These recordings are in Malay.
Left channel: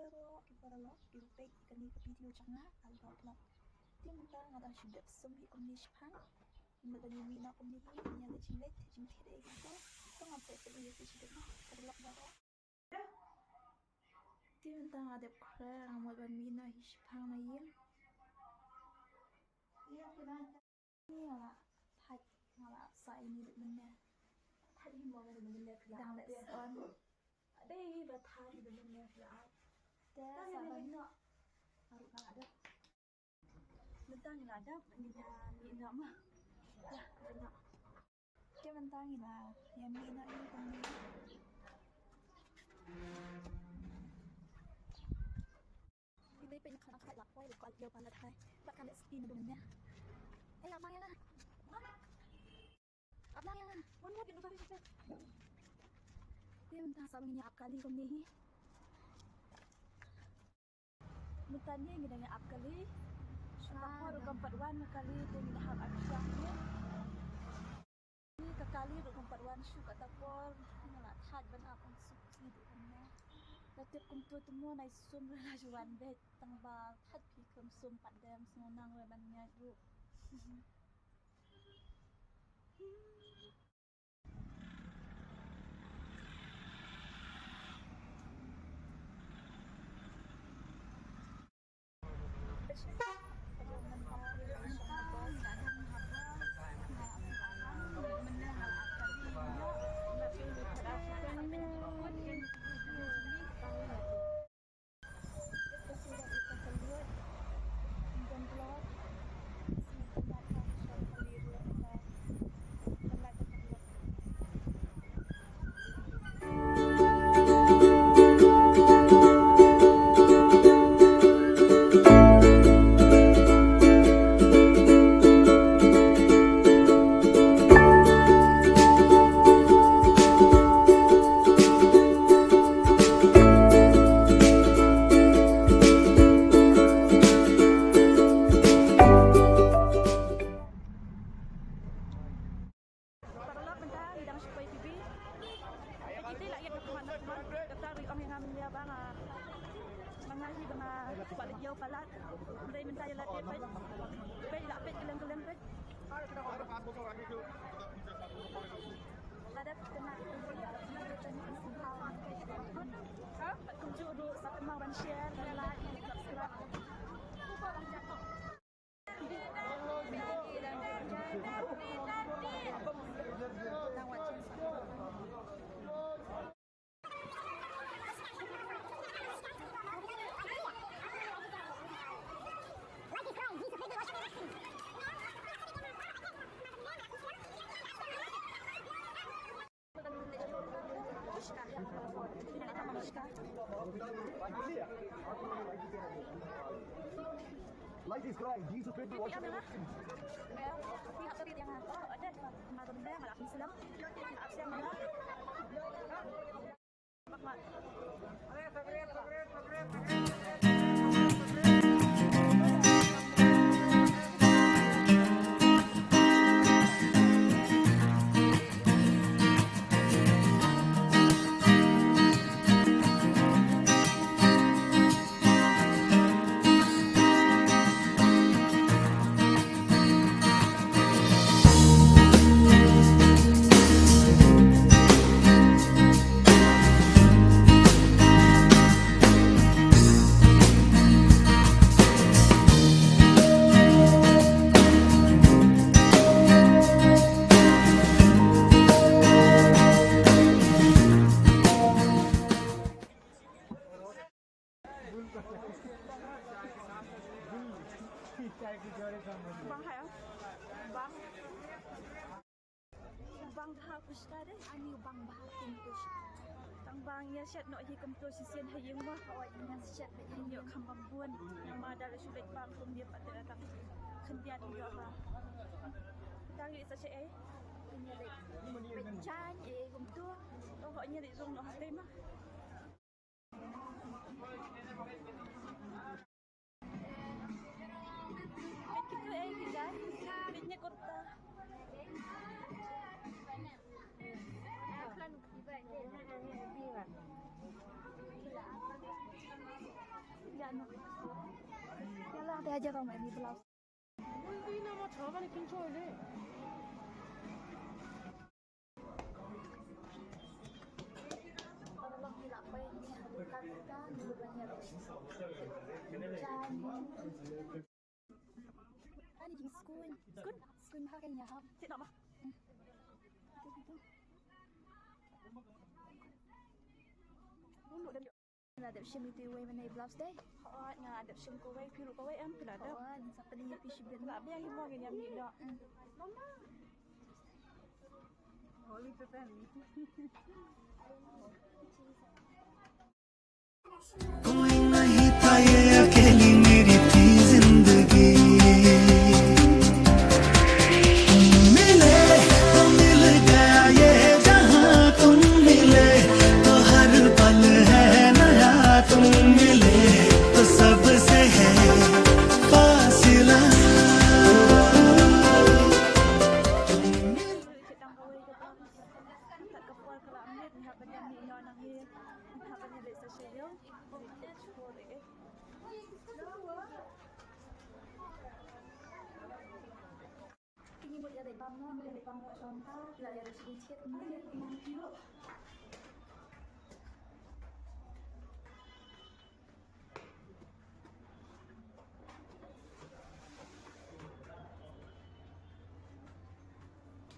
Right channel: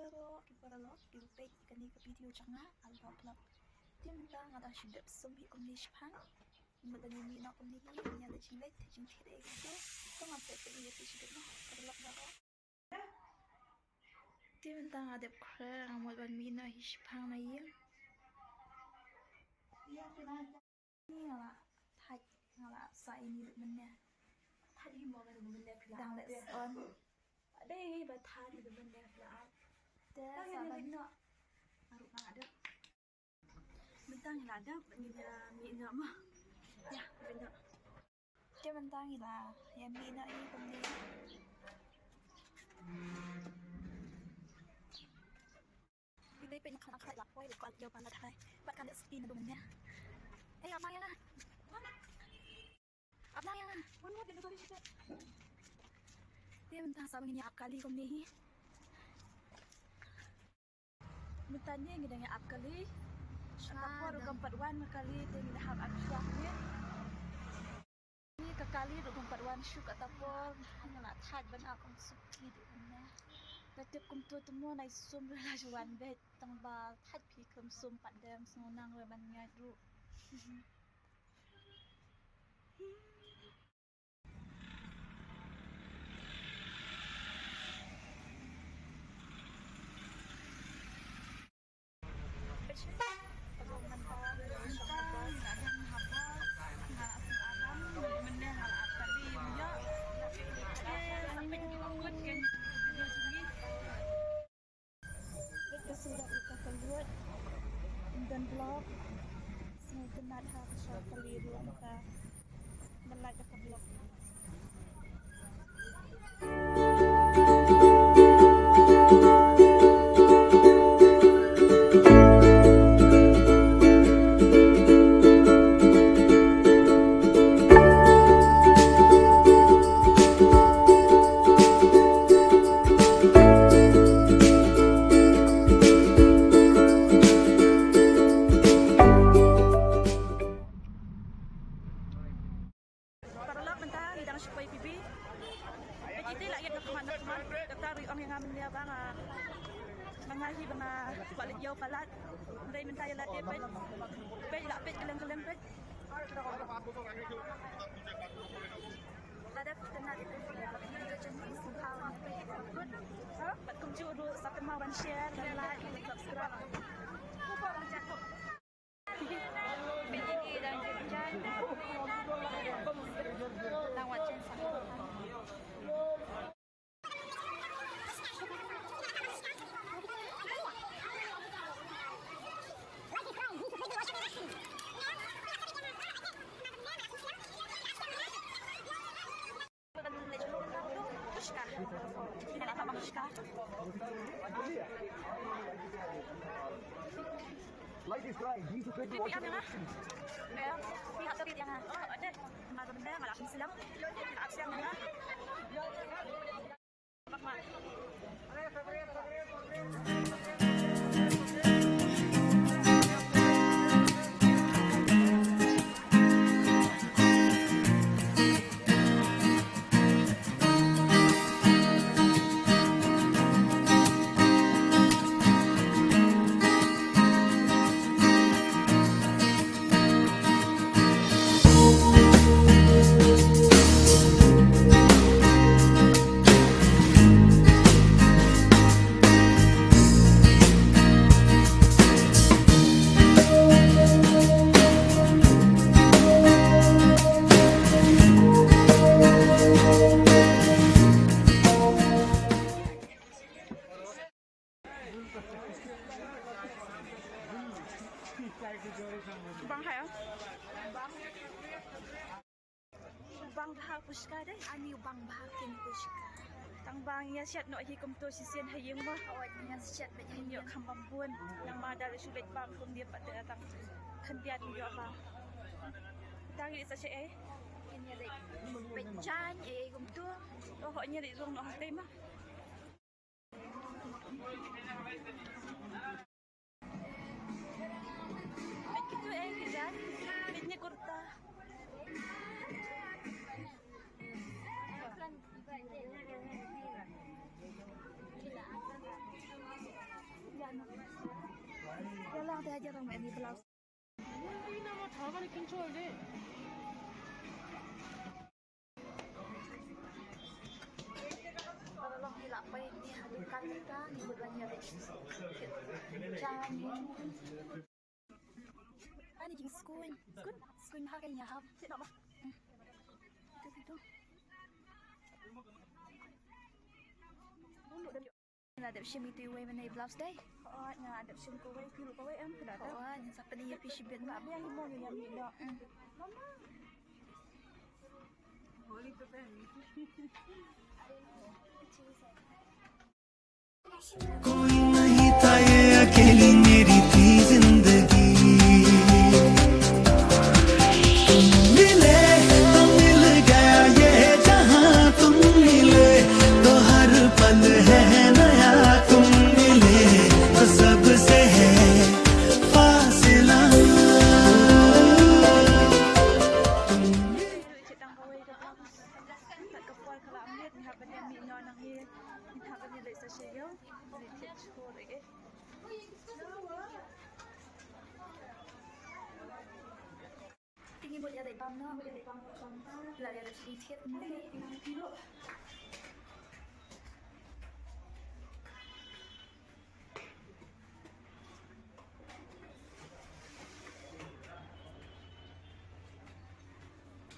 Kiparalo kilupek ikani ke video canga aldo plak dia mentang ada shidap sumhi kumni shpang imadani mi na kumni hi nya da jinglet jing thire gitu to ngape pe ni fi shidap no parlak baro dia mentang ada kre ngamot ban mi na hi shpang na yim ni ala thaj ngala sa ini mennya thaj hi mo ga du mennya dang les on đây bà tha thì được bên đẹp lại thế sao bên nọ aru nang ada bentang là ada bên mi nọ mà ya bên nọ cái bentang là ya mi nọ ini công đi đây bên khăn khăn lạc quay được còn nhiều bạn là thay bạn cần để spin được nha đây áp nang ya áp nang ya muốn mua bên đó dia mentang sama ini ap kali kom ni mentanya ngidang ap kali atapor keempat wan kali dengan hab aksuah ni ke kali ro keempat wan syuk atapor ngala thad ban akong suki du na batip kum tu temu nai sum la juan bet tang ba thad pi kum sum padam sunang re ban nya ru sudah kita keluar dan blog sebentar harus keliru kita melalui blog mengahi bana balik jauh palat dari mentaya lat dia pej la pej keleng-keleng pej ada kena itu video channel somehow ni pej takut pat kum ju do subscribe dan share dan like dan subscribe pej ini dan jangan lawat channel Ladies guys, these are good watching ya, pihak tadi yang ada malam benda malam silam, malam siang benda. Mak. Bang hai bang bahal pushka deh ani bang bahal kin pushka tang bang ya siat no hi kum to sisian hayeng ma nya siat ba ni yo kham bambun yang ma dar sulit bang kum dia pada datang kendian yo ba tang ni sa che ai ini dek becan kum tu ho nya dek rong no hai ma Bitnya kurta. ano. Ya lang teh aja tong mẹ mi blouse. Para lang hilapay ni halukan kita ni bulannya deh. Jangan. Ani jing skun harganya hab. Tidak apa. Itu. Ada shim itu way mana blouse day? Oh, nah ada sim kowe, dulu kowe am tidak ada. Oh, yang siapa dia fish bin? Nggak biar limo ni yang ni dak. Mama. Holy pepe. कोई नहीं था ये अकेली मेरी थी जिंदगी मिले तो मिल गया ये जहां तुम मिले तो हर पल है नया तुम मिले तो सबसे है फासिला Cetang kowe ke blouse. Tak kepol kalau ambil ni haban yang mi nyon nang ni. Ni haban ni dek sasayo. Ni kit chor eh. Tinggi buat jadi pam no, jadi pam contoh. Lah ada sedikit ni.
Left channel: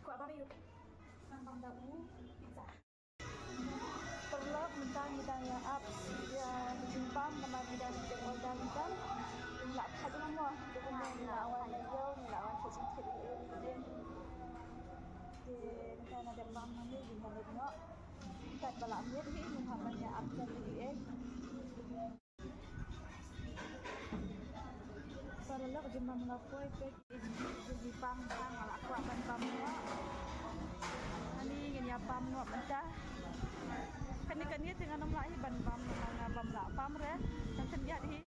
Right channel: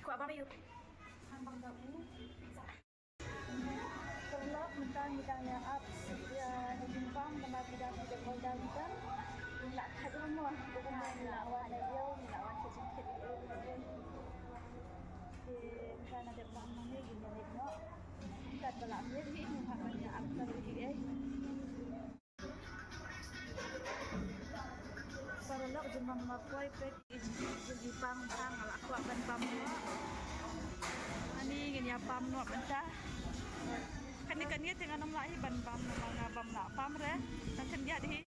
Kau apa yuk? Bang babu. Perlap mentang bidang yang up dia simpang nama bidang dia polda bidang. Nak kat rumah. Dengan lawan dia, lawan sedikit dia. Kan ada bang nama dia dengan dia. Kat balak dia ni haban yang up lagi eh. Perlap jumpa mapoi pek jadi pang ala aku aban pam no. Ani ngenya pam no mentah. Kan ni dengan nama lai ban pam nama ngabam la pam re. Kan dia di